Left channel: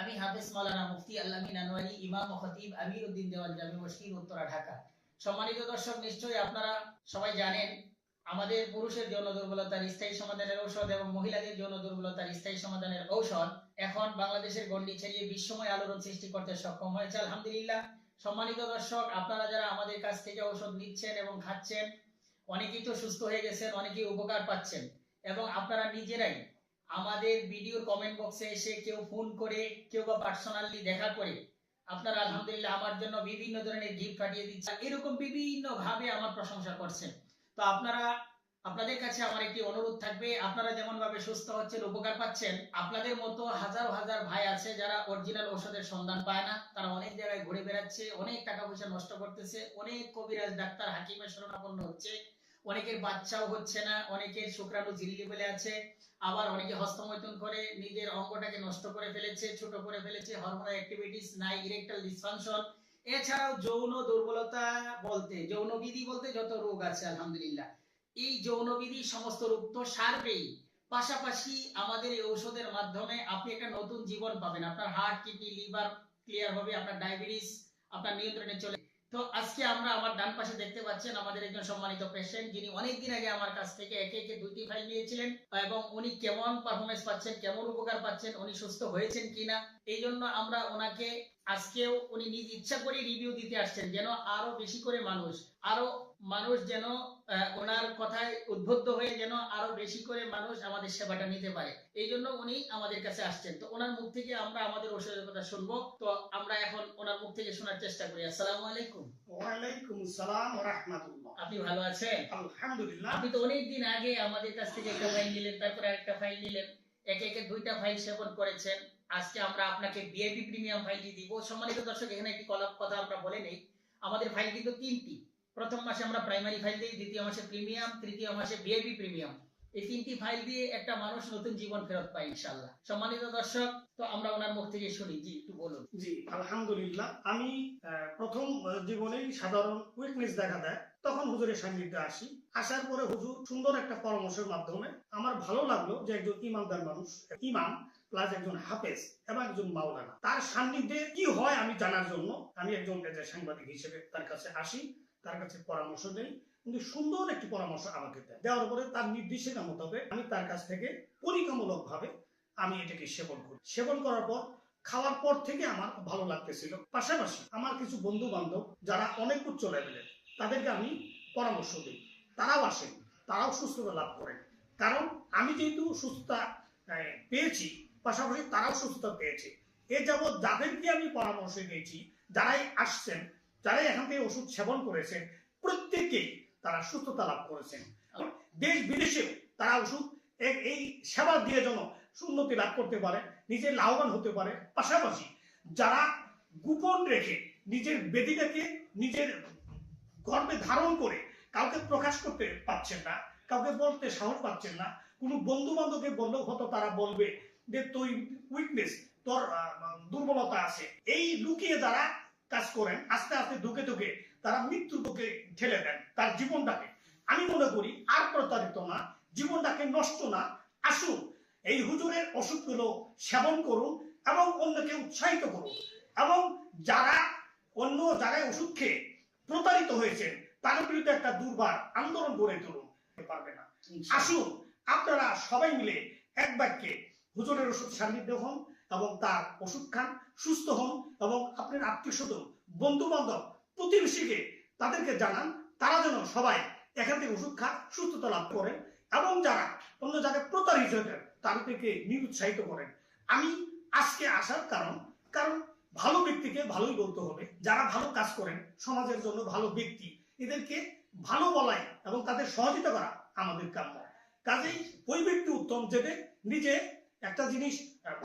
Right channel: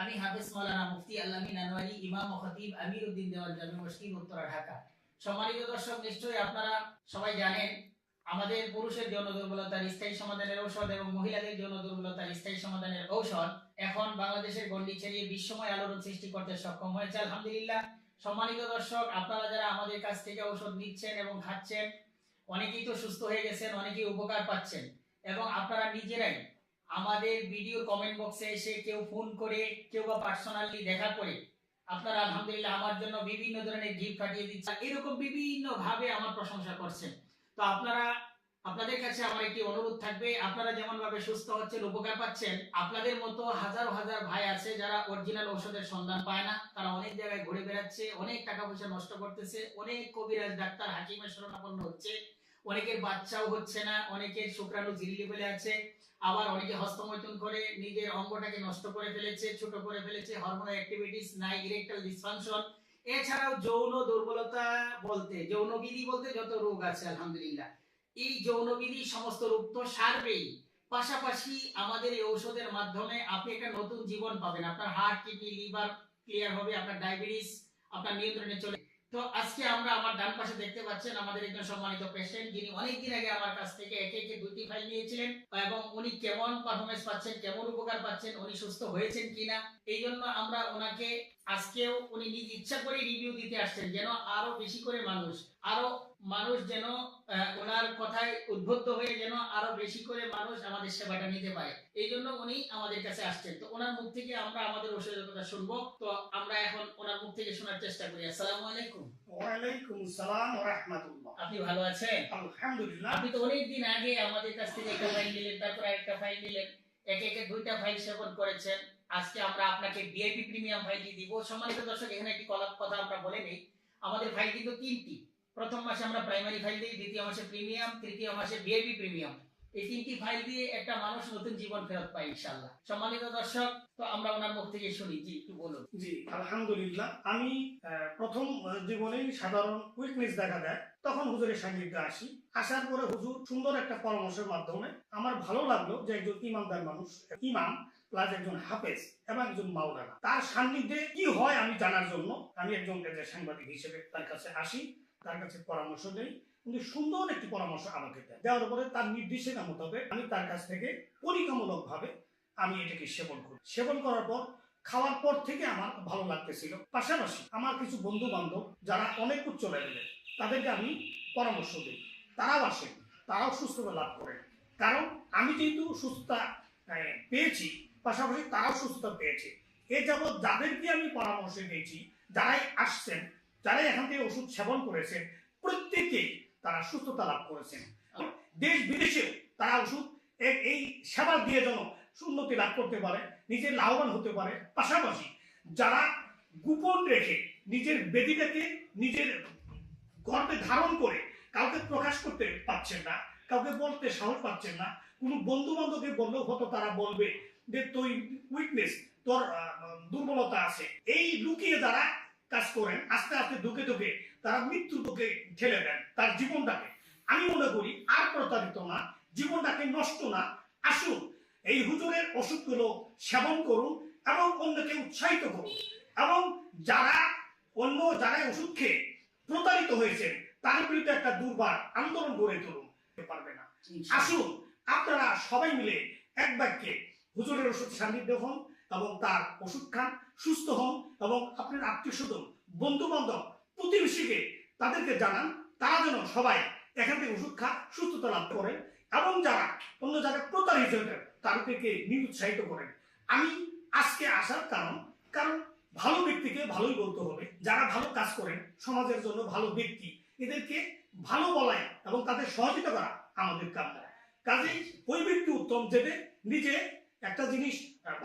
আমি হাফেজ মুফতি ইমাম ও খতিব জামি মসজিদ, উত্তরা, ঢাকা। সম্মানিত দর্শক, নিশ্চয়ই আপনারা সবাই জানেন, আমাদের পুরুষের যৌন দুর্বলতার স্থায়ী সমাধানের ঔষধ এবং মহিলাদের যৌন দুর্বলতার স্থায়ী সমাধানের ঔষধ এখন বাংলাদেশের গণ্ডি ছাড়িয়ে বিশ্বময় আলোড়ন সৃষ্টি করতে সক্ষম হয়েছে, আলহামদুলিল্লাহ। সম্মানিত দর্শক, আপনারা যারা আমাদের কাছ থেকে ঔষধ নিচ্ছেন এবং খাচ্ছেন, অনেকেই তো সুস্থ হয়ে গেছেন, অনেকেই উপকার পাচ্ছেন, এবং আপনারা নিজেরাই আমাদের ভিডিও কমেন্ট বক্সে এসে কেউ ফোন করে, কেউ বা পার্সোনালি দেখা করে আপনারা আলহামদুলিল্লাহ আমার জন্য বিভিন্ন ধরনের গিফট পাঠিয়ে দিচ্ছেন। এরকম বিভিন্ন ভাবে আমার প্রশংসা করছেন। তো আপনারা, আপনাদের কাছে আমার একটি অনুরোধ থাকবে, আপনারা যেমন ভাবে সুস্থ হচ্ছেন, উপকার পাচ্ছেন, আপনাদের মতো হাজার হাজার ভাই আছে যারা অরিজিনাল ঔষধের সন্ধান পায় না। তারা অনেক জায়গায় ঘুরে বেড়াচ্ছে, অনেক টাকা পয়সা নষ্ট করতেছে, অনেক কবিরাজ ডাক্তার হাকিমের শরণাপন্ন হচ্ছে। অনেকের বাচ্চাও হচ্ছে না অনেকের শুক্রাণু ঝিলিয়ে ফেলে আছে আবার অনেকে হস্তমৈথুন করে নিজের অঙ্গটাকে নষ্ট করে ফেলেছে ছোট করে ফেলেছে হরমোনাল অ্যাক্টিভিটিস নাই ইরেকটাল ডিসফাংশন এছাড়াও যৌন দুর্বলতা বলতে যৌনবিধি বলতে যত রোগ আছে আলহামদুলিল্লাহ এই যৌনবিধি সমস্ত রোগ তো সারবেই। পাশাপাশি আমাদের এই ঔষধের মাধ্যমে আপনি একটা নতুন জীবন পাবেন। আপনার হার্ট কিডনি লিভার ক্লিয়ার হবে আপনার ডায়াবেটিস আপনার নিয়ন্ত্রণে চলে তো আজকে আমরা আমার ডান পাশে দেখতে পাচ্ছেন আমাদের একজন সম্মানিত পেশেন্ট যিনি অনেকদিন আগে আমার কাছ থেকে একে একে দুইটি ফাইল নিয়েছিলেন এবং উনি কেমন পারফরমেন্স পাচ্ছেন, কেমন উপকার পাচ্ছেন, উনি সুস্থ হয়েছেন কিনা, এই জন্য আমরা ওনাকে আজকেও উনি নিজ ইচ্ছা করে রিভিউ দিতে আসছেন যেন আরও বেশি করে মানুষ আরও মানুষ যেন ওনার কথায় উদ্বুদ্ধ হয়ে যেন আরও বেশি করে মানুষ আমাদের সেবাটা নিতে পারে। এই জন্য উনি আমাদের কাছে আসছেন। তো ওনার মুখ থেকে আমরা আমাদের ওষুধের কথা শুনব। তো আমরা এখন ওনার মুখ থেকে শোনার চেষ্টা করি। আসসালামু আলাইকুম। ওয়ালাইকুম সালাম ওয়া রাহমাতুল্লাহ। আপনি ভালো আছেন? আলহামদুলিল্লাহ। আপনি তো অনেক দিন আগে আমাদের কাছ থেকে একটা ফাইল নিলেন তারপরে একটা ফাইল নিলেন। একে একে দুইটা ফাইল সেবন করেছেন। আজকে আমরা আপনাকে ভিআইপি প্রিমিয়াম ফাইলটি দিব। সম্মানিত দর্শক, এখানে একটি কলাপ কথা আমরা বলে নেই। আমাদের ফাইল কিন্তু তিনটি। প্রথম মাসে আমরা প্রাইমারি ফাইল দিই, দ্বিতীয় মাসে প্রিমিয়াম তৃতীয় মাসে ভিআইপি প্রিমিয়াম এই তিনটি ফাইল দিয়ে একটা মানুষ নতুন জীবন ফেরত পায় ইনশাল্লাহ সম্মানিত দর্শক, তো আমরা ওনার মুখ থেকে শুনি, জি, একটু বলুন। জি, আলহামদুলিল্লাহ। আমি প্রথম জীবনেই সাধারণ উইকনেস দেখা দেয়। তখন হুজুরের সান্নিধ্যে আসি। আসার পরে হুজুর সুন্দর একটা পরামর্শের মাধ্যমে আমার ভালো লাগল যে একজন ইমানদার মানুষ, ইমাম প্লাস একজন হাফেজ এবং একজন মাওলানা। তার সান্নিধ্যে কি হয় আমি জানার জন্য আমি একজন সাংবাদিক হিসেবে তার কাছে আসি। তার কাছে পরামর্শ নেই কিন্তু সুন্দর একটি পরামর্শ আমাকে দেয় দেওয়ার পরে তার নির্দেশনা মোতাবেক আমি তার কাছ থেকে পরীক্ষামূলক ভাবে আমি এটাকে সেবন করি। সেবন করার পর খাওয়ার পর থেকে আমার ভালো লাগতেছিল। পাশাপাশি আমার কিছু বন্ধু বান্ধব যারা অনেক উচ্চ লেভেলের, তাদেরকে আমি পরামর্শ দিই। তারাও আসেন তারাও সুস্থতা লাভ করে। কারণ আমি যেহেতু সুস্থতা পেয়েছি, পাশাপাশি তারাও সুস্থতা পেয়েছে। এ যাবৎ যাদেরকে আমি পরামর্শ দিয়েছি, যারাই আসছেন যারাই এখান থেকে ওষুধ সেবন করেছেন। প্রত্যেকেই তারা সুস্থতা লাভ করেছেন। দেশ বিদেশে তারা ওষুধ এই সেবা দিয়ে যেন উন্নতি লাভ করতে পারে নিজে লাভবান হতে পারে। পাশাপাশি যারা গোপন রেখে নিজের বেদিটাকে নিজের গর্বে ধারণ করে কাউকে প্রকাশ করতে পারছেন না কাউকে বলতে সাহস পাচ্ছেন না কোনো বন্ধু বান্ধবকে বললে হতো তারা বলবে যে তুই উইকনেস তোর দুর্বলতা আছে। এই লুকিয়ে যারা কাজ করেন আস্তে আস্তে ঢুকে ঢুকে তারা মৃত্যুর পক্ষে ঠেলে দেন তার জীবনটাকে। আমি মনে করি আর প্রতারিত না জীবনটাকে নষ্ট না। আসুন এই হুজুরের ওষুধগুলো সেবন করুন এবং অন্যকে উৎসাহিত করুন। এবং যারা অন্য যারা ওষুধ খেয়ে প্রতারিত হয়েছেন তাদের বিরুদ্ধে একটা দুর্বার আন্দোলন গড়ে তুলুন। পারবে না। আসুন আপনারা সবাই মিলে এক বাক্যে হুজুরের ওষুধ সান্নিধ্য হন এবং তার ওষুধ খান সুস্থ হন এবং আত্মীয় স্বজন বন্ধু বান্ধব প্রতিবেশীকে তাদেরকে জানান, তারা যেন সবাই এখান থেকে ওষুধ খা সুস্থতা লাভ করেন এবং যারা অন্য জায়গায় প্রতারিত হতেন তাদেরকে নিরুৎসাহিত করেন। আমি আজকে আসার কারণ কারণ ভালো ব্যক্তিকে ভালোই বলতে হবে। যারা ভালো কাজ করেন, সমাজের জন্য ভালো ব্যক্তি, এদেরকে ভালো বলাই এবং তাদের সহযোগিতা করা আমাদের কাম্য কাজেই ওই ব্যক্তি উত্তম যেতে নিজে একটা জিনিস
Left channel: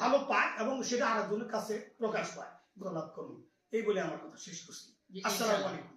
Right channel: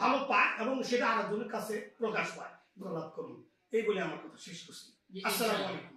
ভালো পায় এবং সেটা আরেকজনের কাছে প্রকাশ পায়। লাভ করুন এই বলে আমার কথা শেষ করছি। আসসালামু আলাইকুম।